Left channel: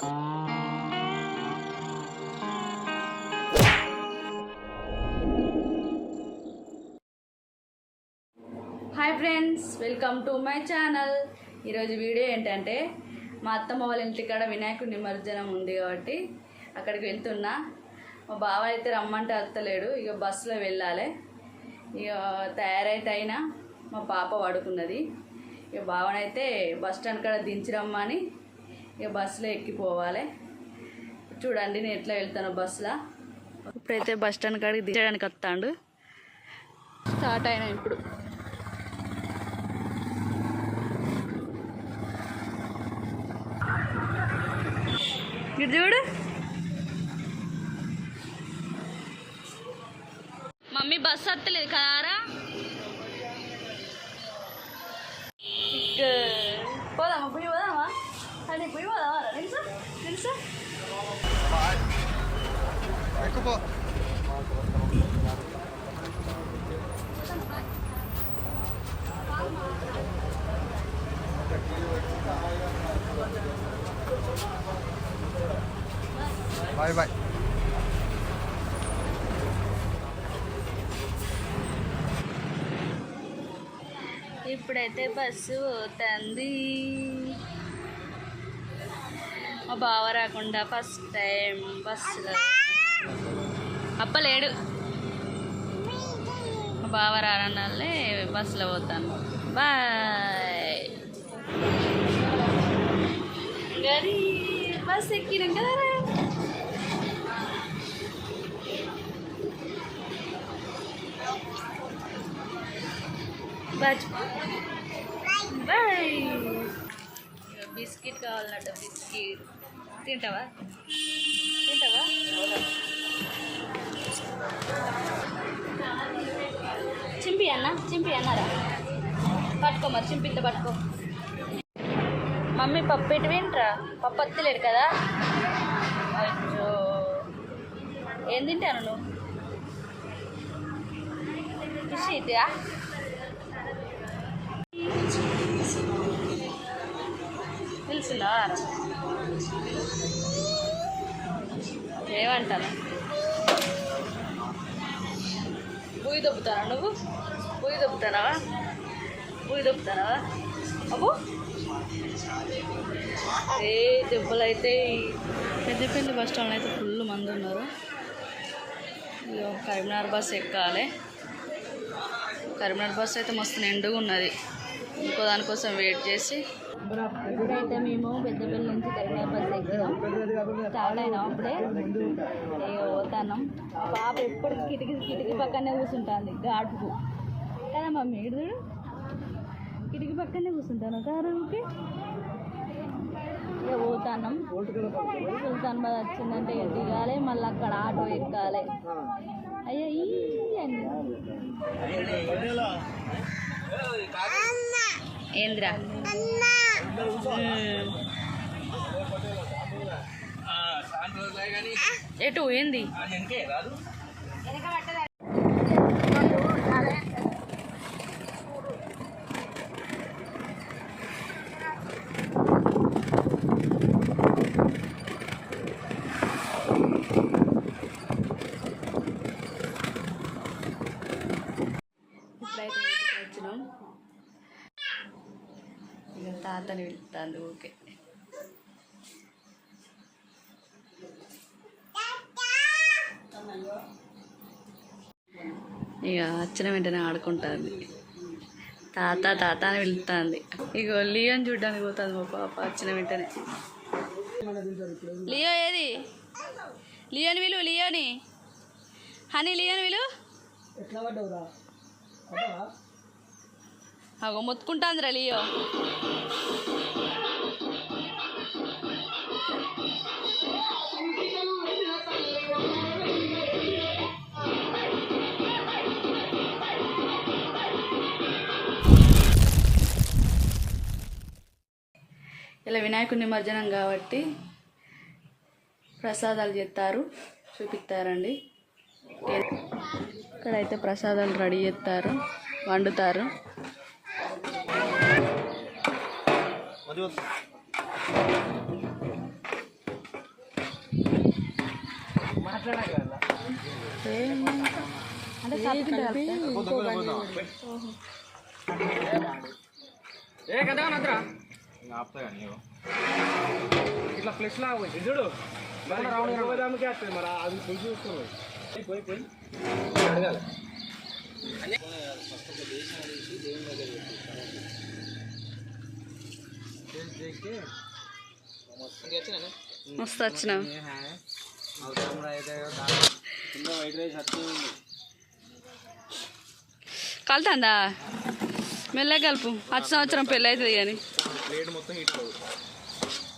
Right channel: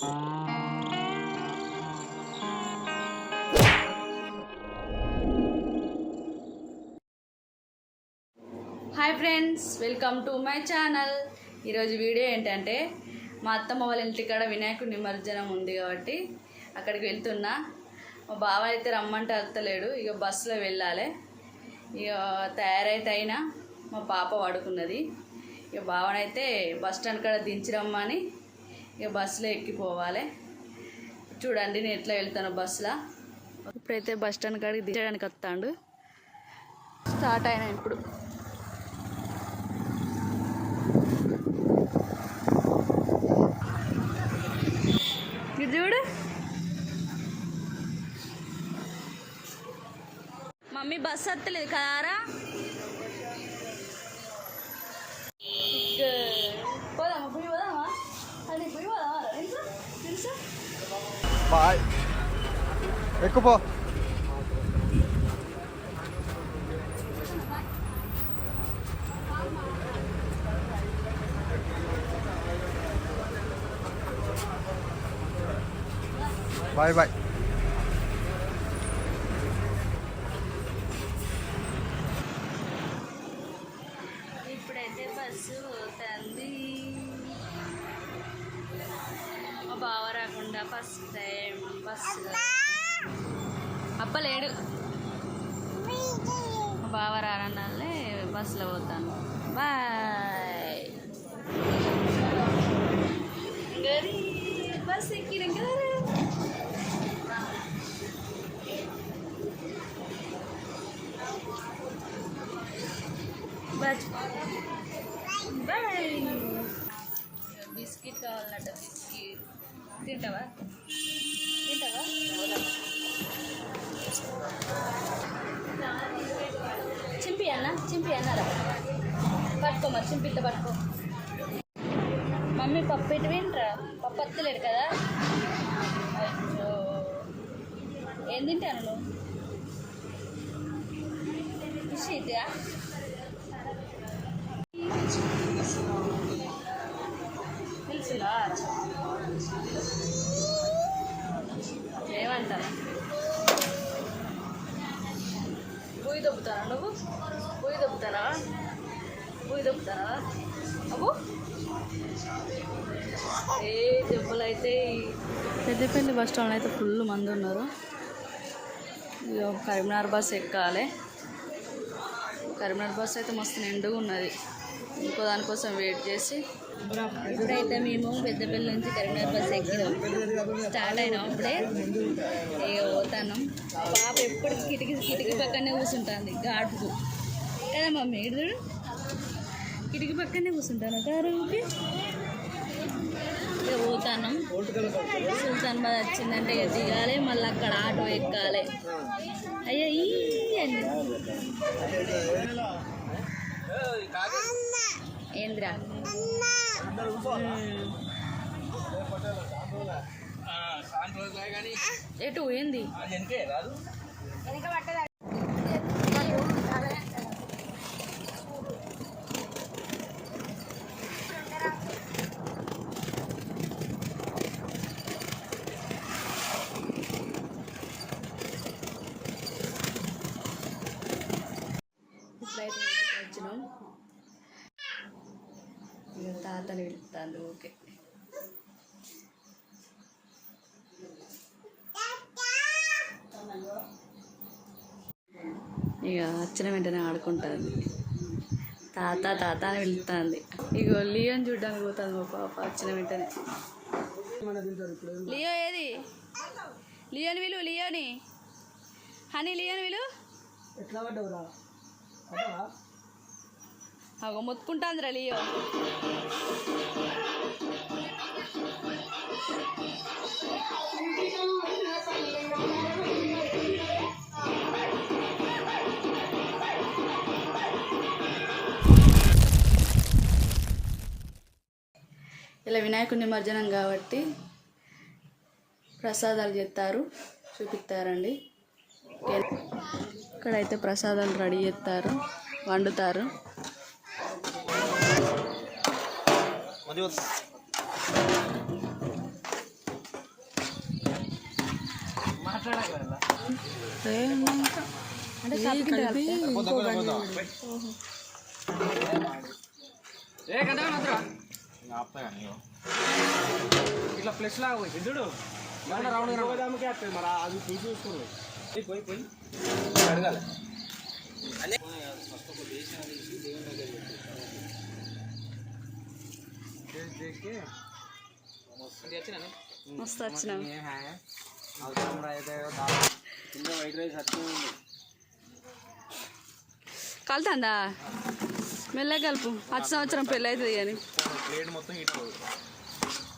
Hi friends, welcome to my channel. ఈరోజు video ఏంటంటే మా అత్తమ్మ వాళ్ళ ఇంటికాడ వినాయకుడి నిమజ్జనం ఉంది కాబట్టి అక్కడికి వెళ్తున్నా. మా బావ అయితే రమ్మంటే వెళ్తలేడు, ఇక బస్సులో వెళ్ళాలి. ఇక తయారైతే అయినా మా పాప పడుకున్నది. ఇక బావనైతే బస్ స్టాండ్ కాడ దించిరమ్మని ఇక బస్సులో ఎక్కిపోవాలి. చూడండి నేను ఎట్లా వెళ్తాను బస్సులో. ఇప్పుడైతే బస్ స్టాండ్ కాడికి దించడానికి వస్తాడు. స్టార్ట్ అయినా ఇప్పుడు. ఇది చూడు, మమ్మీ బస్సు వస్తలేదు కారా. పోదామా, పోయి పోదామా, అని పోయి పోదామా. తెలుసా తెలుసా ఎక్కుపో. Bye bye. ఇప్పుడైతే బస్సు పోతుంది. మా బావ రాకుండా ఫస్ట్ టైం బస్సులో. అప్పలేడు, మా బావ రానన్నాళ్ళే బస్సులో పోతాను. బాయ్. గరీ బస్ ఎక్కినాం కదా. బాయ్. బిస్కెట్ కావాలన్నట్ట, బిస్కెట్ తింటావా తింటావా. చింపి అన్నారా, పట్టుకో మరి, చింపితే పట్టుకో. మమ్మీ పప్పు ఎటు వింటరా, పప్పు వస్తలేడు కదా. అయ్యో, ఏం తింటాను నువ్వు? ఫిష్ ఇదా? తెలుసులా ఏమంటాను. బూయి దొబ్బుతానా నువ్వు? బూయి దొబ్బుతానావా? అబ్బో ఏ దెబ్బలు అయితే. పెద్దపల్లి బస్ స్టాండ్ అయితే ఫుల్ మంది ఉన్నారు. కరీంనగర్ బస్ ఎక్కాలి. కరీంనగర్ బస్ అయితే మస్తు నిండుగా ఉన్నది. ఇంకో దానికోసం వెయిట్ చేసి ఇప్పుడైతే మేము పెద్దపల్లి నుంచి కరీంనగర్ బస్ ఎక్కినాం. స్టార్ట్ అయినాం అప్పుడే. ఇక పోతున్నాం. పాప ఎప్పుడు కిటికీ పక్కనే కూర్చుంటుంది ఘాటుకు కదా మమ్మీ. ఇడు చూడు, కిటికీ పక్కనే కూర్చుంటాను కారుకి. ఇక పోతున్నాం. సుల్తానాబాద్ వచ్చిందంటే ఇక దిగాలి, మళ్ళీ అక్కడ ఆటో ఎక్కాలి. అయ్యో ఈ అండి ఏంద్రా ఎటు ఏంది. ఇప్పుడైతే ఇంటికి వచ్చినాం. ఇక తాతని వెళ్తాను. ఓకే, ఇక వచ్చిన వెంటనే ఆడుకుంటుంది. తాత అని వెళ్తుంది. ఇక లియోని చూడ్డానికి పోతుంది మా పాప వచ్చిన వెంటనే. లియో ఏది? లియోని విలు, లియోని హనీ, లియోని విలు. అగో మొత్తుకుంటాందిరా లియో. ఇలా వినాయకుడి నిమజ్జనం కాబట్టి ప్రసాదాలు చేస్తారు, చూపిస్తారండి. ఇక్కడైతే ప్రసాదాలు రెడీ చేస్తారు, వండుతారు. అంటే కలిపి ఇట్లా ప్లస్ లాగా పోయి చూడు రౌండ్ మరి అది పోయి చూసుకున్నాడు పోయి పోయి అడగాలి మస్తు వచ్చినావు కలుతుందా మెల్ల కలుపు వచ్చే సంవత్సరం పెళ్ళి అవుతుంది కానీ ప్లేట్ మొత్తం ఇట్లా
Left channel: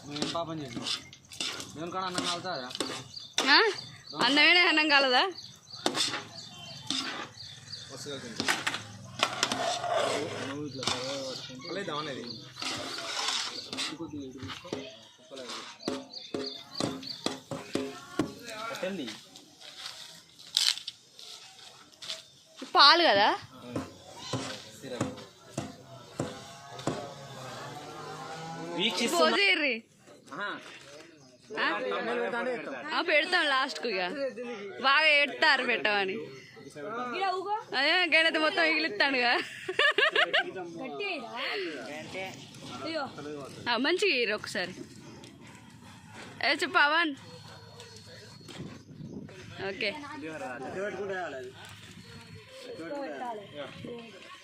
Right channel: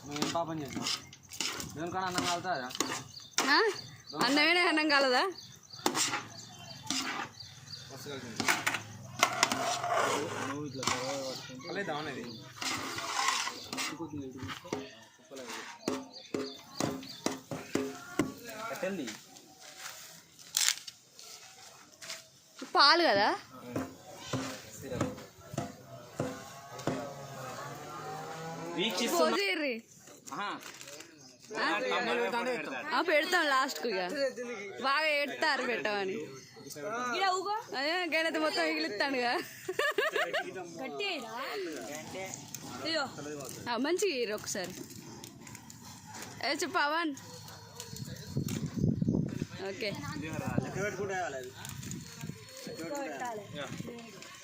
మేము పాపం చేసాం మేము కూడా అన్నం కలుతుందా అన్నమేనే అన్నం కలదా నువ్వు ఇట్లా పట్టుకుంటే దానేది పెట్టండి పాలు కదా పోజీర్రి పెడతాం లాస్ట్కు ఇక బాగా ఏడతారు పెట్టమని అదే గణత మొత్తం మిగిలిస్తాడుగా మంచిగా ఇరు ఒకసారి పవన్ ఓకే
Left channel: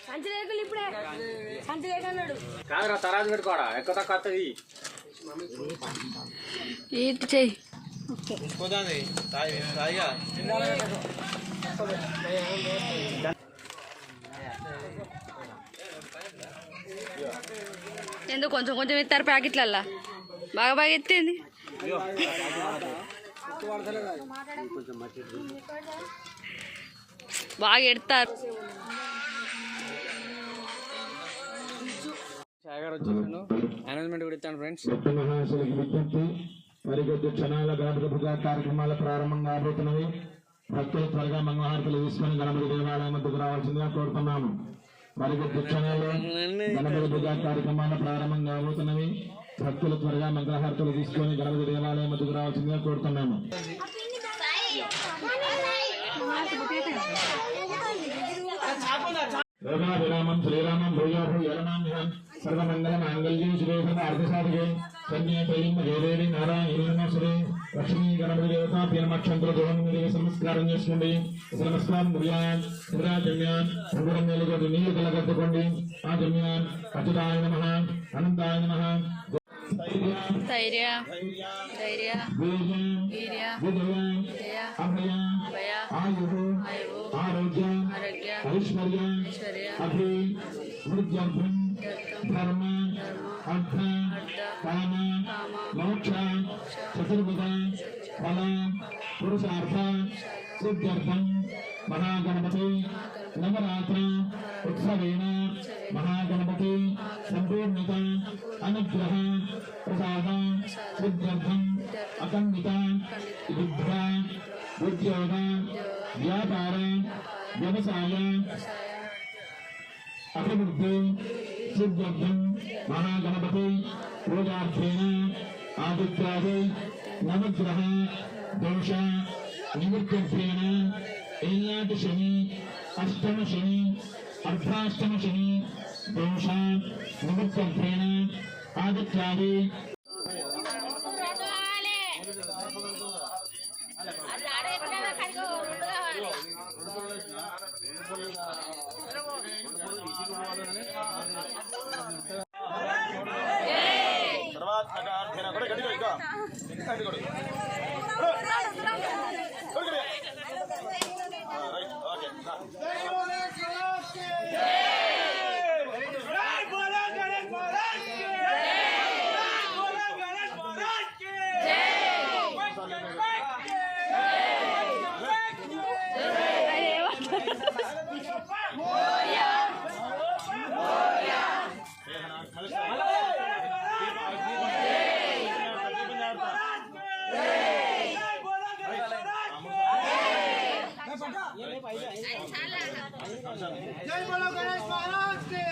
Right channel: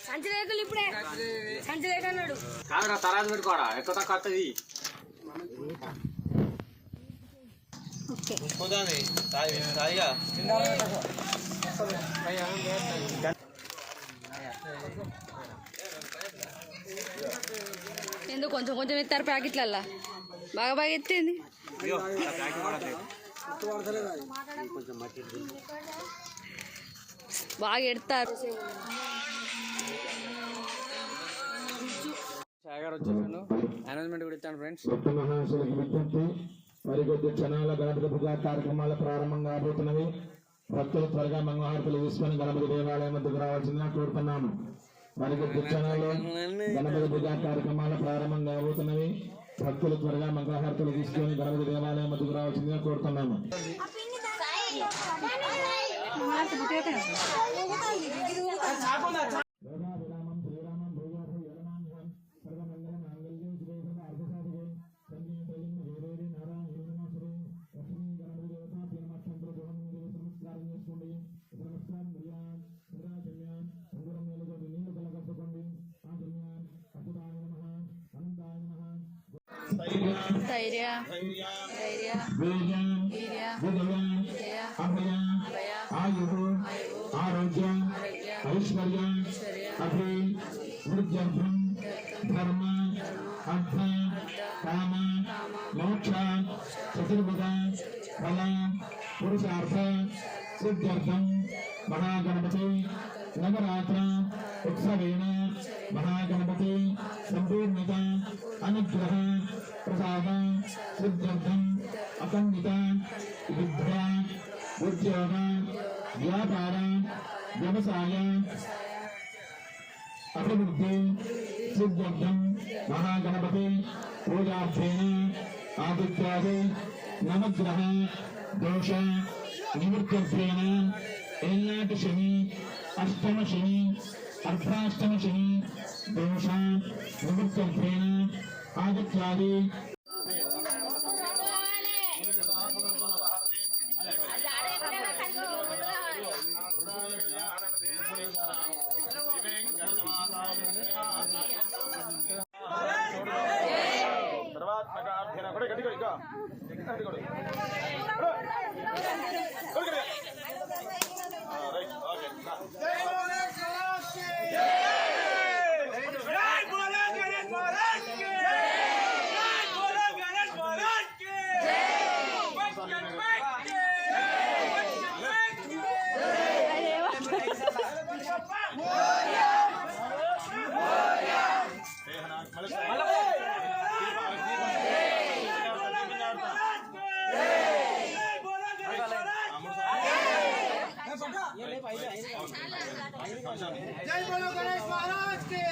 సంచి లేకులు ఇప్పుడే సంచి లేకన్నాడు కాదురా తర్వాత పెట్టుకోరా ఎక్కువ తక్కువ వస్తుంది ఏంటి చెయ్యి ఎందుకు కొంచెం కొంచెం ఇస్తారు ప్యాకెట్లల్లా బాగా బాగా ఎత్తింది బాగా ఎడతారు అనౌన్స్మెంట్ కూడా ఇస్తాను ఫ్రెండ్స్ మరికొద్ది క్షణాల గణపతి పూజా కార్యక్రమాలు ప్రారంభం కాబోతున్నవి. భక్తులు త్వరగా మంగళహారతులు తీసుకొని గణపతి దేవాలయం వద్దకు రావాల్సిందిగా కోరుతున్నాము. మరికొద్ది క్షణాల్లో గణపతి పూజా కార్యక్రమాలు ప్రారంభం కాబోతున్నవి. భక్తులు త్వరగా మంగళహారతులు తీసుకొని గణపతి దేవాలయం వద్దకు రావాల్సిందిగా కోరుతున్నాము. విరామం శ్రీరామం భూయోహం యరణామ్యం సర్వమంగళ మాంగళ్యం శివేశ అర్ధసాధికే కన్యా తైలిం దేవేవి నారాయణ నమస్తే లక్ష్మీ గణపతి దేవత పీనమక్షంతుల దోహం మీద నమస్కారం చేసుకోండి. నమస్కారం దుర్యాన్ ఇంద్రాజన్యాన్ ఉంగరం మేలుగా నీళ్ళు కలగట్టుకోండి. ఆ జన్యాన్ అచ్యుతాయ నమః అనంతాయ నమః ధైర్య ధైర్య వీర్యం వీర్య విజయం జయ అభయం భయ ఆయుః ఆయువు ఆరోగ్యం ఆరోగ్య ఐశ్వర్యం ఐశ్వర్య అభి వృద్ధ్యర్థం ధర్మ అర్థ కామ మోక్ష చతుర్విధ ఫల పురుషార్థ సిద్ధ్యర్థం మహాగణపతి నవరాత్ర ఉత్సవేన మహాగణపతి సంపూర్ణత అనుగ్రహ ప్రసాద సిద్ధ్యర్థం అఖండిత విద్య ఉద్యోగ వ్యాపార వ్యవసాయ అభివృద్ధి సిద్ధ్యర్థం మహాగణపతి పూజార్థేన ఆదిత్యాది నవగ్రహ దోష నివృత్త్యర్థేన ఏనాటి శని అష్టమ శని అర్ధాష్టమ శని దోష నివృత్త్యర్థేన ఆదిత్యాది जय बोलो गणेश महाराज के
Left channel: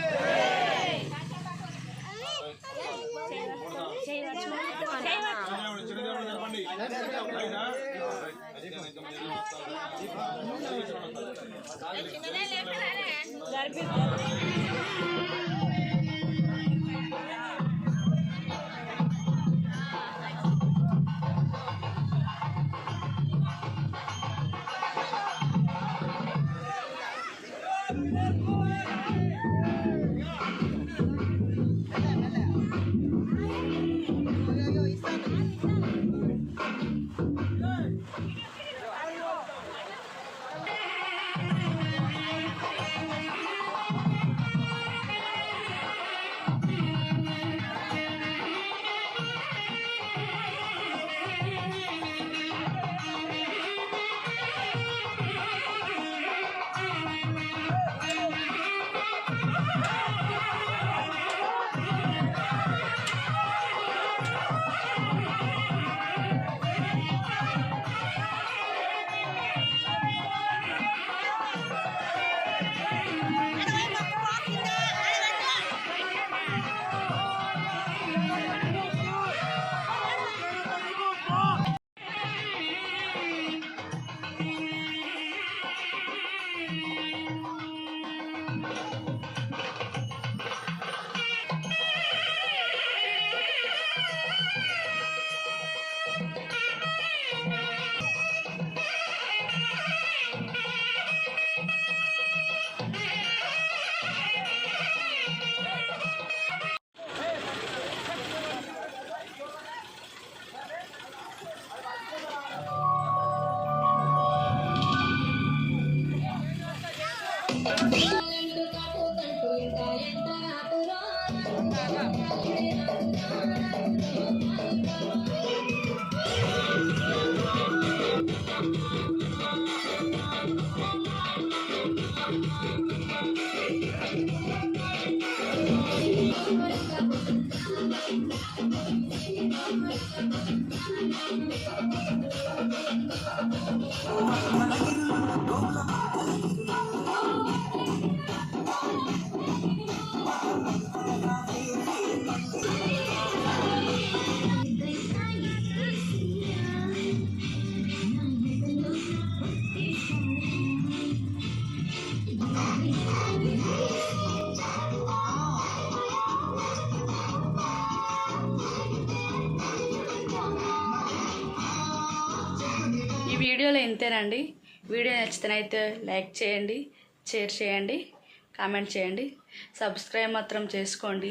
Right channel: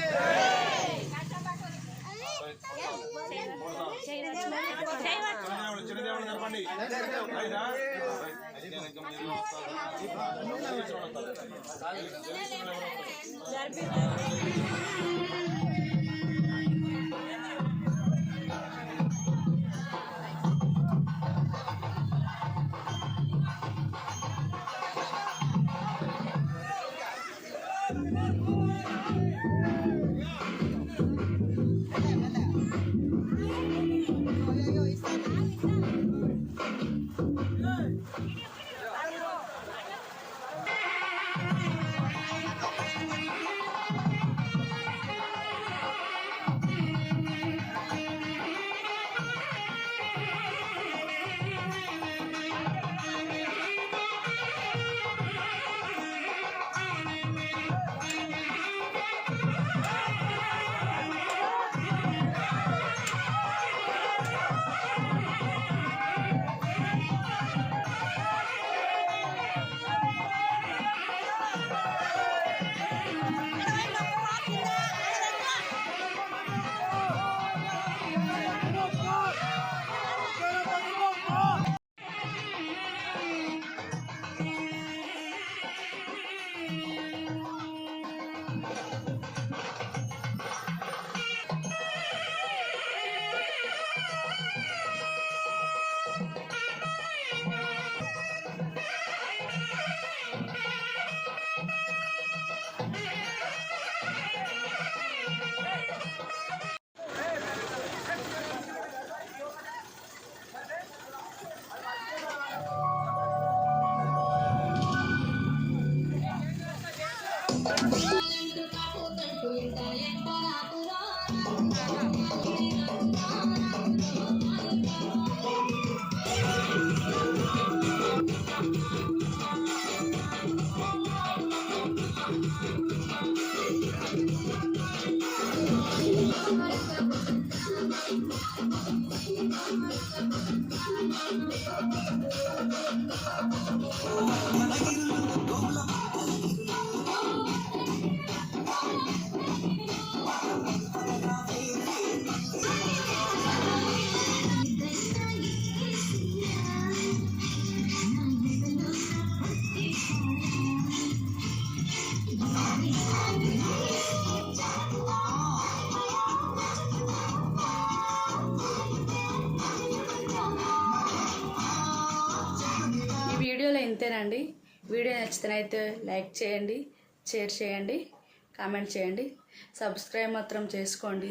ఈ వీడియోలో ఇంతేనండి. వీడియో నచ్చితేనైతే లైక్ చేయండి, షేర్ చేయండి, కామెంట్ చేయండి, సబ్స్క్రైబ్ మాత్రం చేసుకోండి.